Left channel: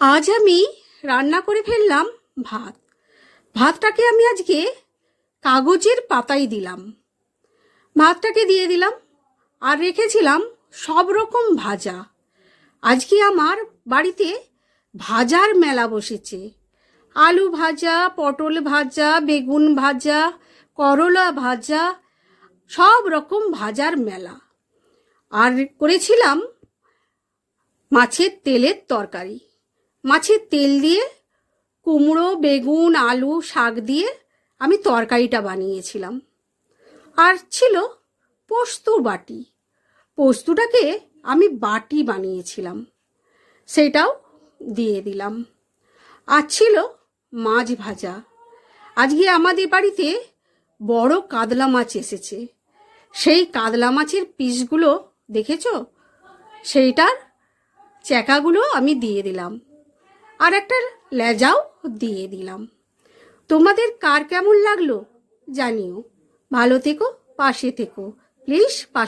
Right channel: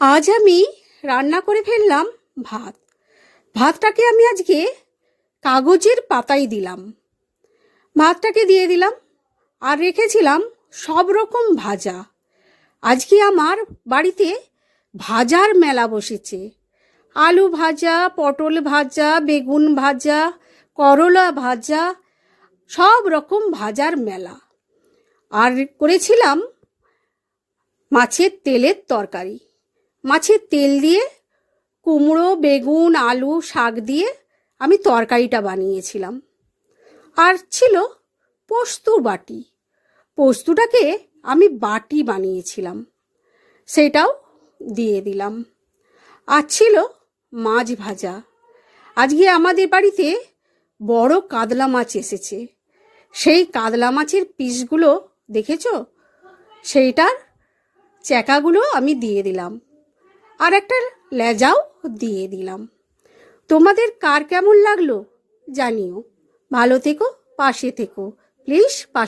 আজ আমি রান্না করে ফেললাম ভাত। ভাতটাকে আমি আজকে কাগজের পাতায় দিলাম। ভাতটাকে দিয়ে দিলাম আর রেখেছিলাম সব রকম ভাজা। আজকে আমার বাড়িতে ভাজার মেলা বসেছে। আলু ভাজা, পটল ভাজা, বেগুন ভাজা, করলা ভাজা, সব রকম ভাজার মেলা। আর করেছিলাম মাছের তেলের তরকারি। মাছের তেল দিয়ে কুমড়ো, বেগুন, আলু, শাক দিয়ে আমি তরকারিটা বানিয়েছিলাম। আর ছিল পোস্ত বাটি। পোস্তটাকে আমি বাটি বানিয়েছিলাম, সেটাও দিয়ে দিলাম। আর ছিল মাছ ভাজা। আজকে আমাদের বাড়িতে বড় কাতলা মাছ এসেছে। সেই কাতলা মাছের পিসগুলো দেখেছো, সেইটার চ্যাকাগুলো আমি দিয়ে দিলাম, আর একটা লেজাও দিয়ে দিলাম। তোমাদের কার কেমন লাগলো জানিও। ভালো থেকো, পাশে থেকো প্লিজ।